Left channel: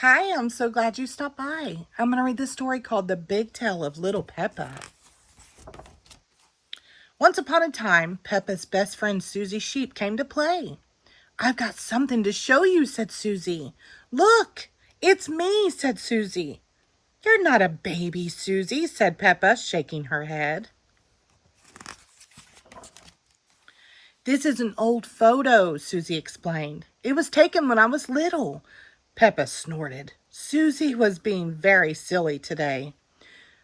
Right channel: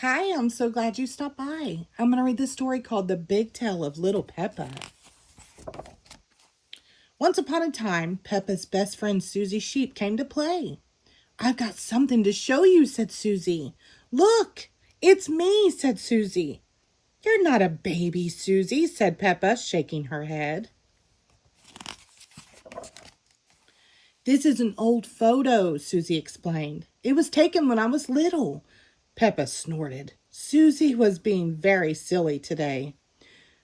Hi, I'm so glad you stopped by. I'm going to read the story called The Big Tale of Little Peppa. Once upon a time, Peppa's best friend Susie Sheep came to play. I've got something to show you, said Susie. Look, it's me, said Susie. You're not a baby, Susie, said Peppa, shaking her head. This is an old photo, Susie explained. It was taken when I was little. Peppa snorted. Susie was being very silly today.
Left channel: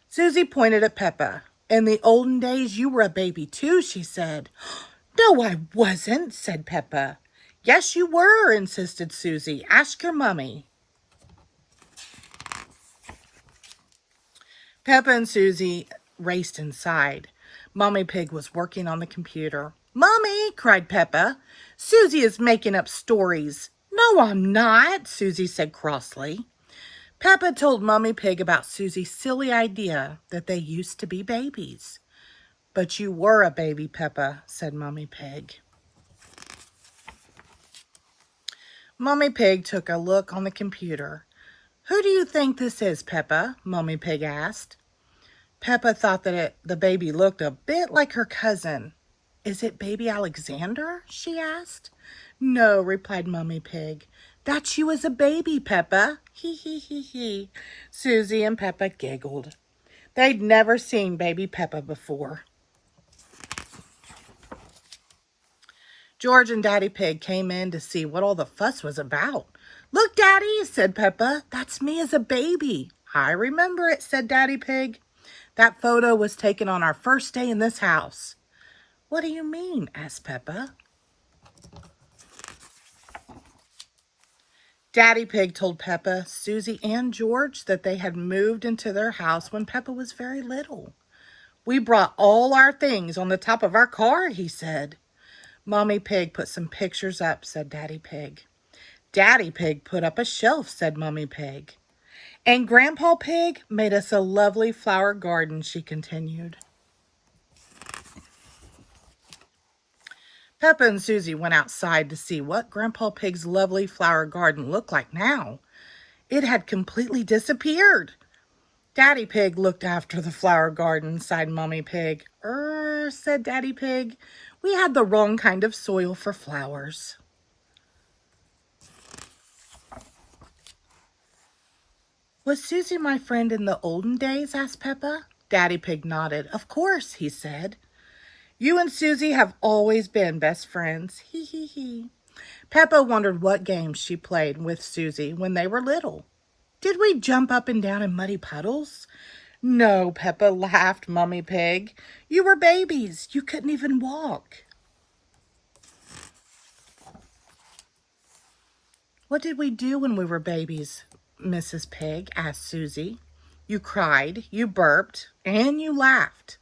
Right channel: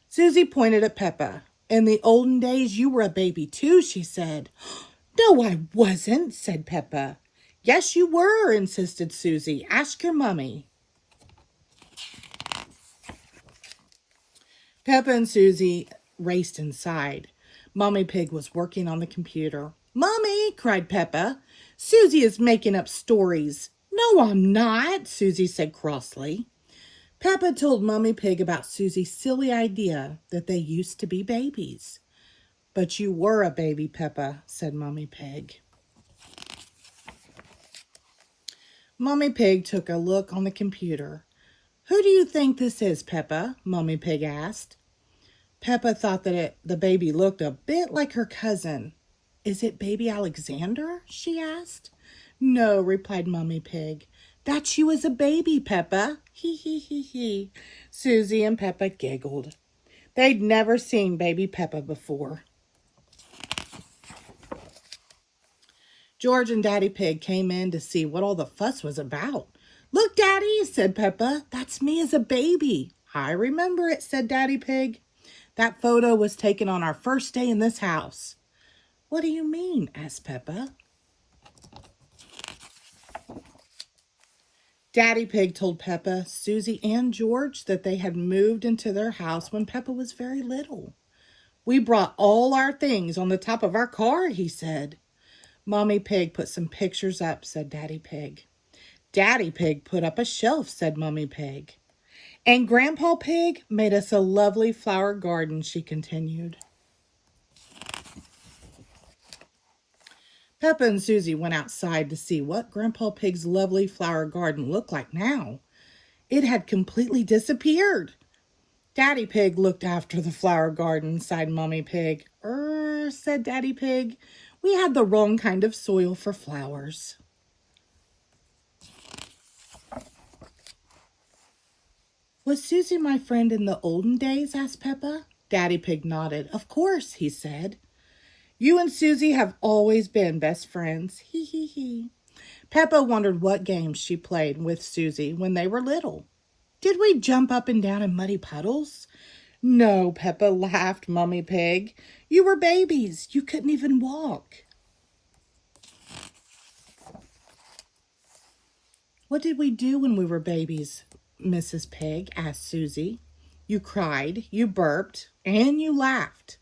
Susie pointed at Peppa. In the olden days, you were a baby too, she said. No, I wasn't, said Peppa. Yes, you were, insisted Susie. Ask your mummy. Peppa and Susie raced inside. Mommy Pig was working on the computer. Mommy, cried Peppa, Susie is making up stories. No, I'm not, Susie said crossly. Peppa told Mommy Pig about Susie's silly idea that they used to be babies. But you were a baby, Peppa, said Mommy Pig. Mommy Pig took a look on the computer. Who do you think this is, Peppa? Mommy Pig asked. Peppa thought that the baby looked a bit like her cousin. Is it baby Alexander? She asked. No, replied Mommy Pig. That's you as a baby, Peppa. Hee hee hee hee. Susie and Peppa giggled. They'd never seen baby Peppa before. George and Daddy Pig came in to see what all the fuss was about. Look, Daddy, said Peppa. That's me as a baby. I remember it, said Daddy Pig. That photo was taken on our first day in this house. What do you mean? Asked Peppa. Daddy Pig told Peppa, Susie, and George that they had moved into their house when Peppa was very little. We brought all our things on the top of our car, he said. Mommy Pig put some pictures up, said Daddy Pig. Daddy Pig put up a shelf, said Mommy Pig. And Grandpa Pig made us a lovely flower garden, she continued. Peppa and Susie went outside to see what Grandpa Pig's lovely flower garden looked like now. It had completely disappeared. Daddy Pig looked after the flower garden, sighed Mommy Pig. Said Daddy Pig. We had the wrong kind of soil for flowers. Was Susie my friend in the olden days? Asked Peppa. Daddy Pig nodded. Of course, he said. You and Susie have always been best friends. Hee hee hee. Peppa wondered what games she played with Susie when they were little. Did we jump up and down in muddy puddles? No, Peppa, laughed Mommy Pig. You were babies. You couldn't even walk. What did we do when we were babies, Mrs. Pig? Asked Susie. You cried, you burped, and you laughed.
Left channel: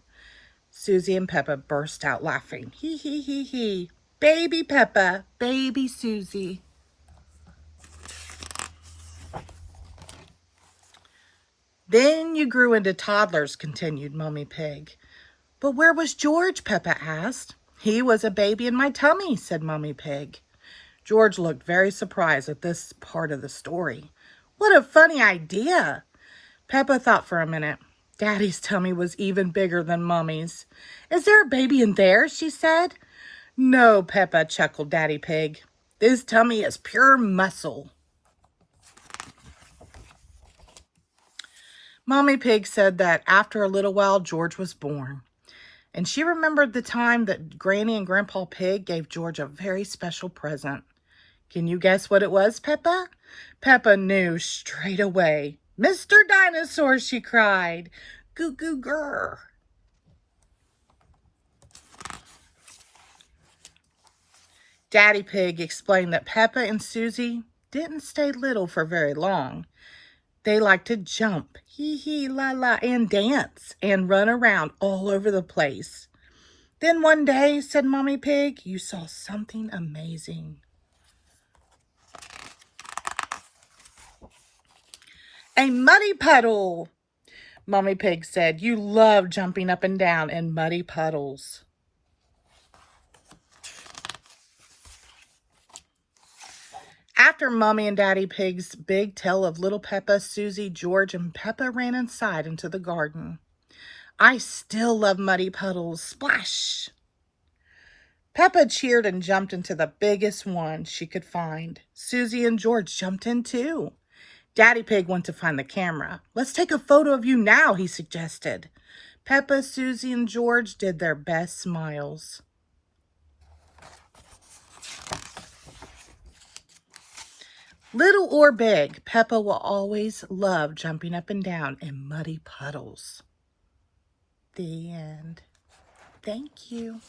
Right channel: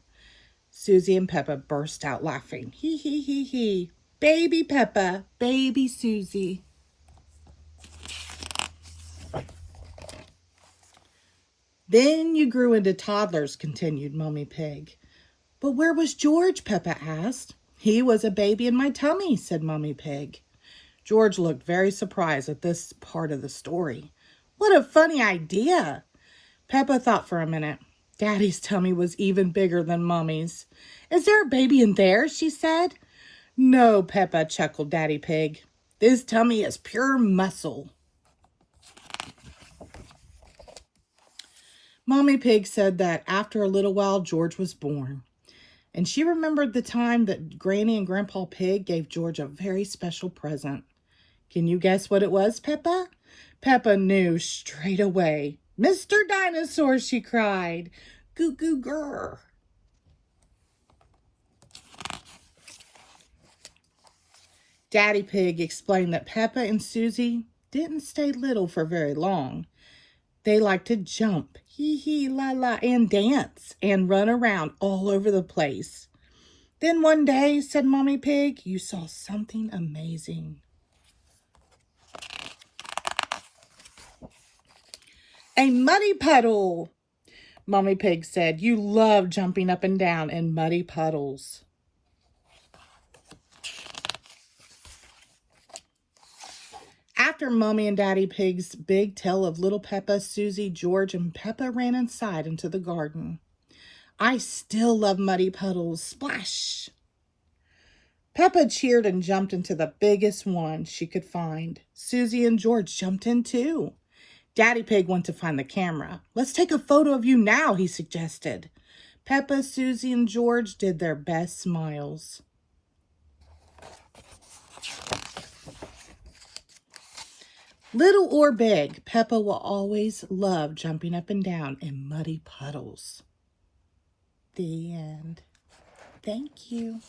Susie and Peppa burst out laughing. Hee hee hee hee. Baby Peppa, baby Susie. Then you grew into toddlers, continued Mommy Pig. But where was George? Peppa asked. He was a baby in my tummy, said Mommy Pig. George looked very surprised at this part of the story. What a funny idea. Peppa thought for a minute. Daddy's tummy was even bigger than Mommy's. Is there a baby in there? She said. No, Peppa, chuckled Daddy Pig. This tummy is pure muscle. Mommy Pig said that after a little while, George was born. And she remembered the time that Granny and Grandpa Pig gave George a very special present. Can you guess what it was, Peppa? Peppa knew straight away. Mr. Dinosaur, she cried. Goo goo grr. Daddy Pig explained that Peppa and Susie didn't stay little for very long. They liked to jump, hee hee la la, and dance and run around all over the place. Then one day, said Mommy Pig, you saw something amazing. A muddy puddle. Mommy Pig said, you love jumping up and down in muddy puddles. After Mommy and Daddy Pig's big tale of little Peppa, Susie, George, and Peppa ran inside into the garden. I still love muddy puddles. Splash! Peppa cheered and jumped into the biggest one she could find. Susie and George jumped in too. Daddy Pig went to find the camera. Let's take a photo of you now, he suggested. Peppa, Susie, and George did their best smiles. Little or big, Peppa will always love jumping up and down in muddy puddles. The end. Thank you.